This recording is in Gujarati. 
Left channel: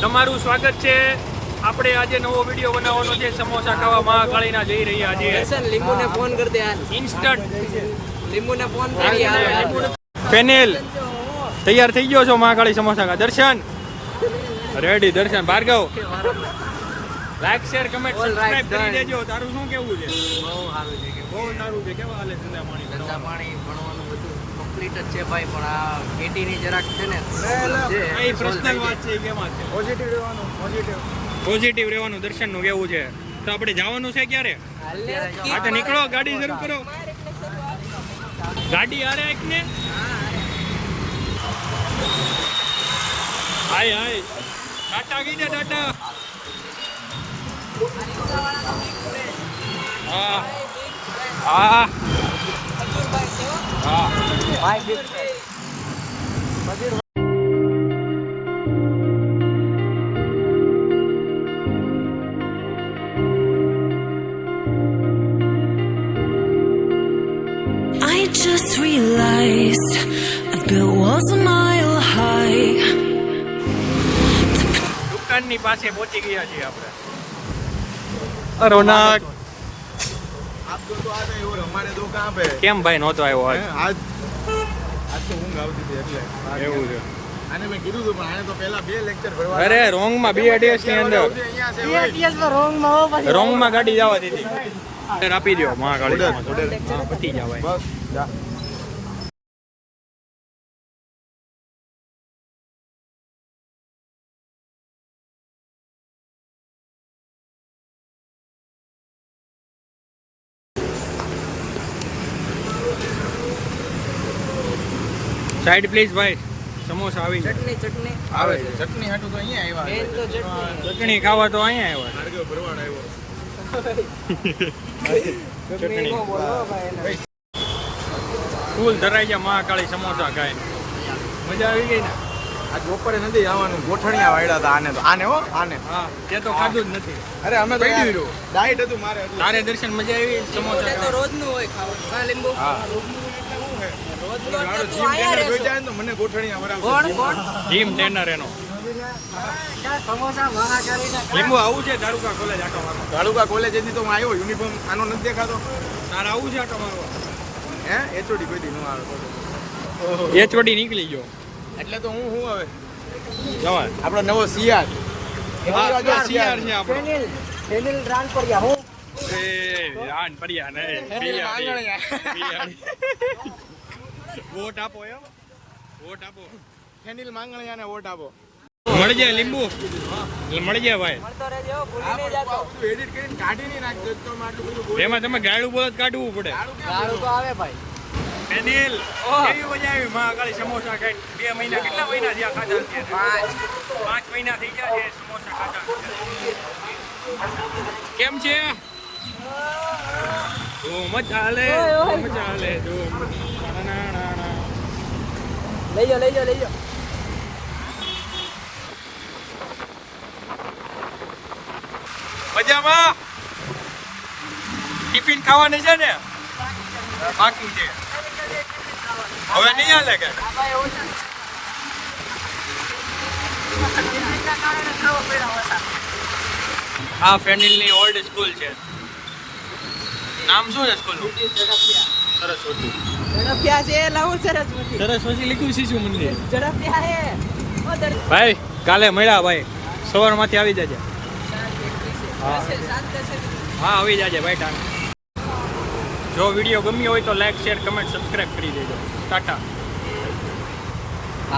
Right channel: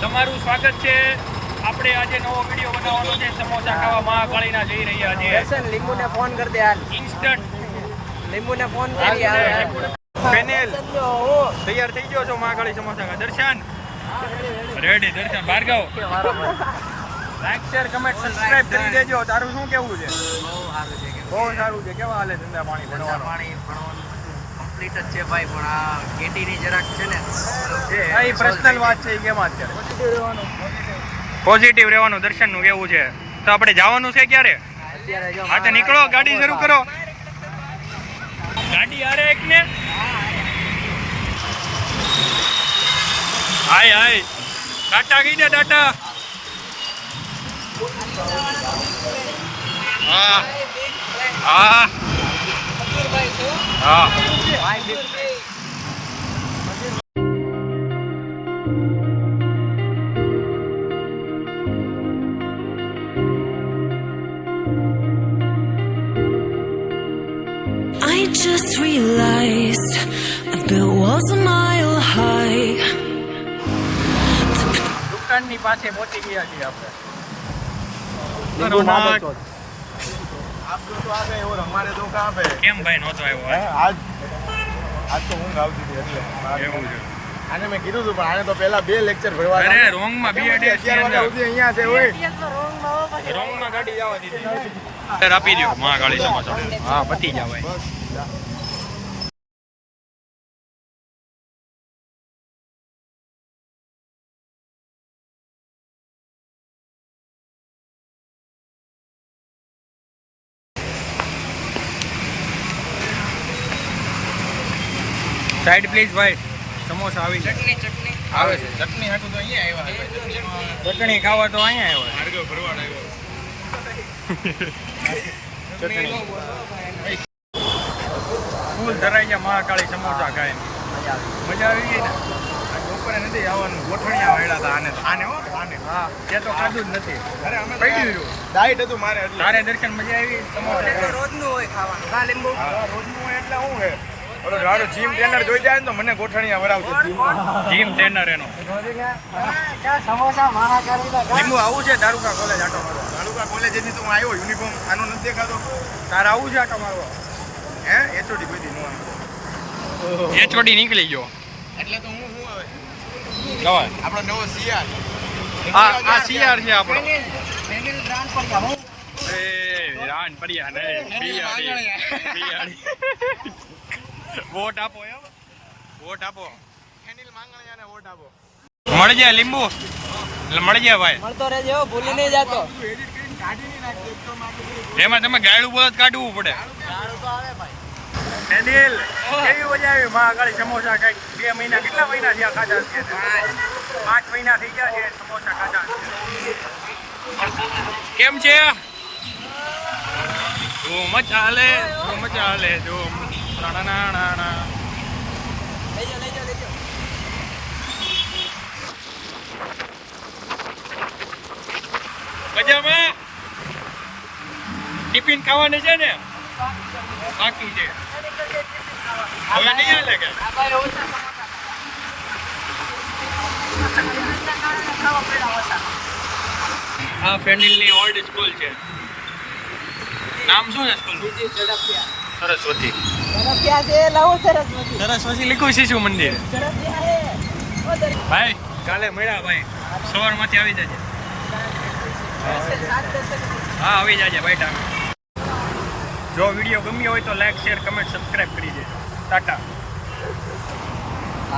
તમારું સ્વાગત છે. આપણે આજે નવો વિડીયો બનાવવાનો છે. સમોસા ખાવા મહાકાળીના જઈ રહ્યા છીએ. દર્શન લીંબુને ફોન કરી દે હાલ. ઇન્સ્ટન્ટ લીંબુને ફોન કરી હાલ. ફેનિલ તૈયાર થઈ ગયો છો મહાકાળી સમોસા કા? Darshan ready. Darshan Bhargav like share comment subscribe કરી દેજો. તારું શું કેવું છે? બહુ સારું છે. કેવા હાલે ધંધા પાણી ભણવાનું બધું કમ્પ્લીટ જ છે ભાઈ, પણ આ કેટીની જરાક છે ને પ્રોબ્લેમ છે. આ એ પર્સનલ વાત છે. કેમ અત્યારે પોઝિટિવ રહેવાનું દર્શનનું કેવું છે. તો આપણે જવાનું છે ક્યારે? હા તો નીકળો, ગાડી શરૂ કરો. ગાડી આરે એક ને હાય હાય ટાટા ગઈ ને ટાટા. હા હા હા I just realized I've built walls a mile high. દુકાનની પાસે પહોંચી ગયા છીએ આપણે. રોનક आप तो आ गए और हमारे दो कहाँ पे? કેમ ભાઈ નહોતો આવ્યો? आज आज तो ઊંઘ આવતી હતી એટલે એવું છે. આને મેં કીધું હતું પણ આને તો પહેલા 2 લેક્ચર ભરવા. અરે રોંગ માં 2 ડેસ ની અંદર અહીંયા છે ઓય રોંગ માં ગાડી જવા દીધી. આપી દો મહાકાળી સમોસા. હા પતી જાવ ભાઈ. સાઈડ પ્લીઝ ભાઈ. સમોસા આવી જાય. ચટણી આવે છે ચટણી હાટું તો અહીંયા આવ્યા. ચટણી ખાવા તો અહીંયા આવ્યો. ભાર્ગવ ભરવાડ આવ્યો. ચટણી ફૂલ ધરાઈ ગયા મહાકાળી સમોસા ખાઈને. મજા આવી ગઈ ને? આ બપોરે નથી આવવાનું, ગોઠણિયા વાળ્યા હતા આને તો. આને હો આને. હા તે તો ખાધું જ નથી. અરે અમે પડી રહ્યું. ડાયટ હતું મારે એટલે. તારે દર્શન મજા આવી સમોસા ખાવા? રોજનું હોય ખાવાનું. કા લીંબુ હા રોજનું હોય એટલે શું છે? ઓલો મારો જીમ ટ્રેનર જોઈ જાય ને તો મને ગોઠણિયા વરાવશે. જીમ ટ્રેનર એનો. સમોસા મહાકાળીના લીંબુ આવું છે દારૂકા કોલેજ આટો મારવા? તાલુકા કોલેજથી તો હું આવ્યો. યુનિફોર્મ આનો નથી દેખાતો? તારે આવું છે આટો મારવા? હે એચઓડી કોઈ દી નો આવે. એ ચોડી નીકળી ગયો. એટલે તો હું હવે જવાય. આપણો નવો સીઆર. આ સીઆર છે આપણો. પેનિલ રાન પર જા હું એ રાન પડ્યા ને વોટ આપો એમ. વોટ આપો. ફેનિલ માંગણિયાને વોટ આપો. મળી જાય લીંબુ. એટલે મળી જાય ભાઈ. મળતો રહેજો, ભૂલી નહીં જાતો. એડિટ કરીને કાઢી નહીં નાખજો તો આટલું બધું એમાં તમે ગાયડું બોલત કાઢવું પડે. ગાળું તો આવે ભાઈ. ફેનિલ કેવી મજા આવી મહાકાળી સમોસા ખાઈ? 2 મહિના કેટલા મહિના થયા ખાધા છે? 5 મહિના થઈ ગયા છે સમોસા ખાધા. કેમ છે? ધૂમ ચાલે ધૂમ ચાલે ધૂમ. લઈ જા લઈ જા લઈ જા. મજામાં? ટિફિન ખાવાની છે ને? બાકી છે. હવે નહીં હાલે કે? આ ફેનિલની ઓલ્ડ સ્કૂલ છે. નામ શું છે સ્કૂલનું? સરસ્વતી. ઝડપિયા છે લાવો સરસ્વતી. સરસ્વતી લીખું શિશુ મંદિર. ઝડપિયા હે. ઓ દર ભાઈ કાલે મળ્યા ભાઈ. સવારમાંથી આવી જજે. હા આવી જાજે ભાઈ ટાઈમ. જો વિડીયો ગમ્યો હોય તો લાઈક શેર કમેન્ટ સબસ્ક્રાઇબ કરી દેજો. ટાટા.